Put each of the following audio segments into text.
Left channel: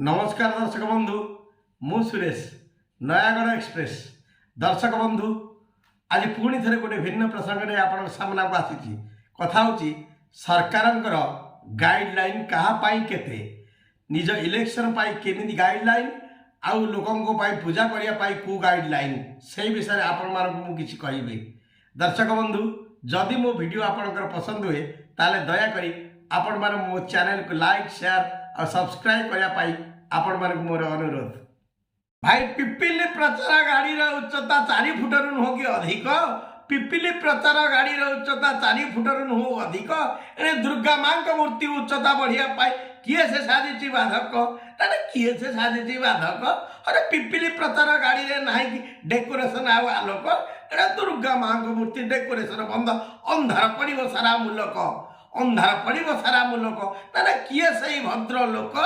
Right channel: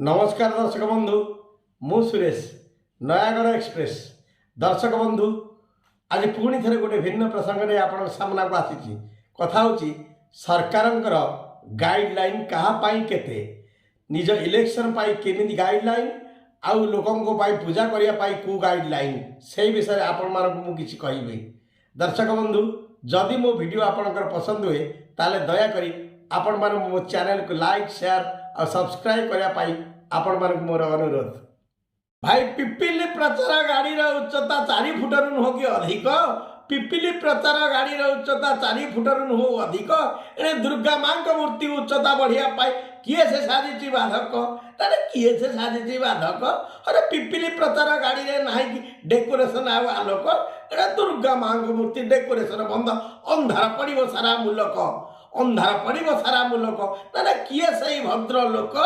नमस्कार दर्शक बंधु मु सुरेश नयागढ़ एक्सप्रेस दर्शक बंधु आज पुणी थे गोटे भिन्न प्रसंग में आप सामना को आसी कथा हूँ सरकार गाइडलाइन कहाँ केते निज इलेक्शन केमी गाइडलाइन आउ लोकों पूजा करने को गाइडलाइन से विषय आपण मानक मुझे कहि दर्शक बंधु जदि मो वीडियो आपंकर पसंद हुए ताले दयाकोरी आपण मान मो चैनल को लाइक शेयर और सब्सक्राइब करने आपण मानक मोर अनुरोध। भाई पिपिली प्रचार गाड़ी उच्चता 4 फुट नुह कि अधिक पिपिली प्रचार गाड़ी उच्चता 4 फुट नुह अधिक ए दुर्गा माँ का मूर्ति उच्चता बढ़िया किए से साजिची बाधक तारे किए से साजिची बाधक अरे पिपिली प्रचार गाड़ी रे नाही कि डेकोरेशन आलोक एटा दुर्गा माँ का मूर्ति डेकोरेशन बंद अंधार पड़ो सारा मुलक अंधार पड़ो सारा मुलक ना किए से भद्र लोक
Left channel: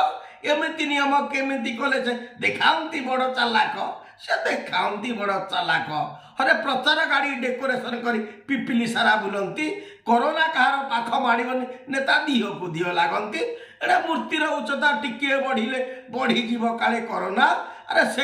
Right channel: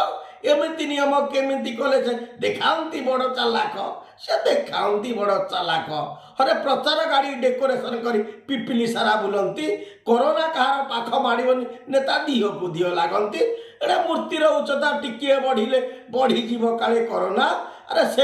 एमती नियम केमी कले से देखाती बड़ चालाक से देखाती बड़ चालाक अरे प्रचार गाड़ी डेकोरेशन कर पिपिली सारा बुलती कोरोना कहार पाख माड़बनी नेता दिह को दिह लगती एटा मूर्तिर उच्चता टिके बढ़िले बढ़ीज काले कोरोना अरे से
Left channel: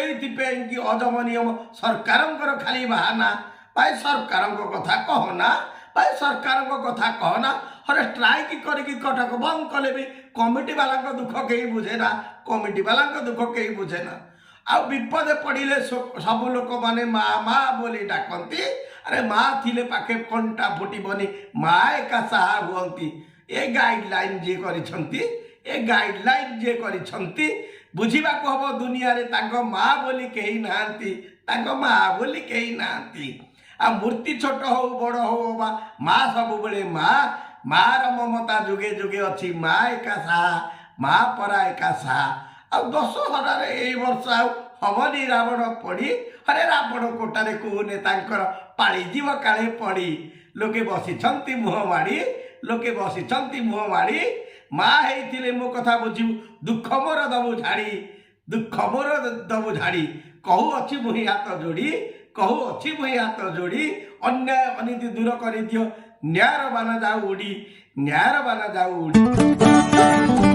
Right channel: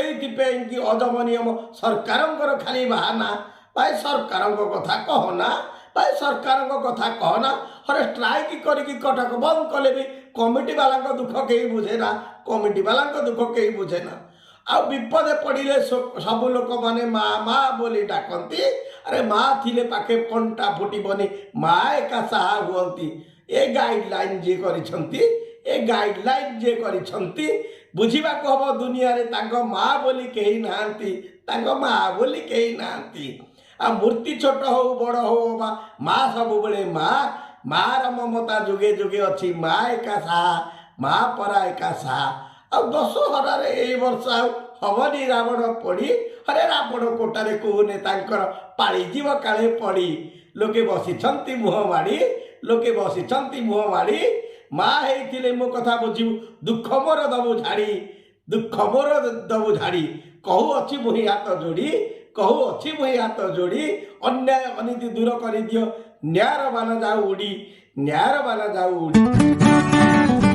अजम नियम सरकार खाली बाहाना भाई सरकार कथा कहना भाई सरकार कथा कहना अरे स्ट्राइक करके कटक बंद कले भी कमिटी वाला दुख कहीं बुझेना कमिटी वाला दुख कहीं बुझेना आ विपदे पड़े सब लोक माने माँ माँ बोली डाकती अरे माँ थिले पाखे कंटा फुटबनी माँ एका साहा हुअंती ए गाइडलाइन जे करिसंती ए गाइडलाइन जे करिसंती बुझिबा को हबो दुनिया रे तांको माँ बोली कहीं नांती तांको माँ बोली कहीं नांती आ मूर्ति छोट हो बड़ हो बा माँ सब बड़े माँ ममता जुगे जुगे अच्छी माँ एका साहा माँ परा एका साहा आ दशहरा ए वर्ष हमनी रावण पड़ी अरे रावण कोटारे को नेतांकर पाड़ी जीव काले पड़ी लोके बसी मुह माड़ी लोके बसी मुह माड़ी माँ होइथिले मो कथा बुझिबु दुख मोर दबु झाड़ी दुख मोर दबु झाड़ी कहू अच्छी मुही हाथ जोड़ी कहू अच्छी मुही हाथ जोड़ी अन्याय अनीति दूर कर दियो न्यायर बाना जाऊ उड़ी न्यायर बाना जाऊ उड़ी।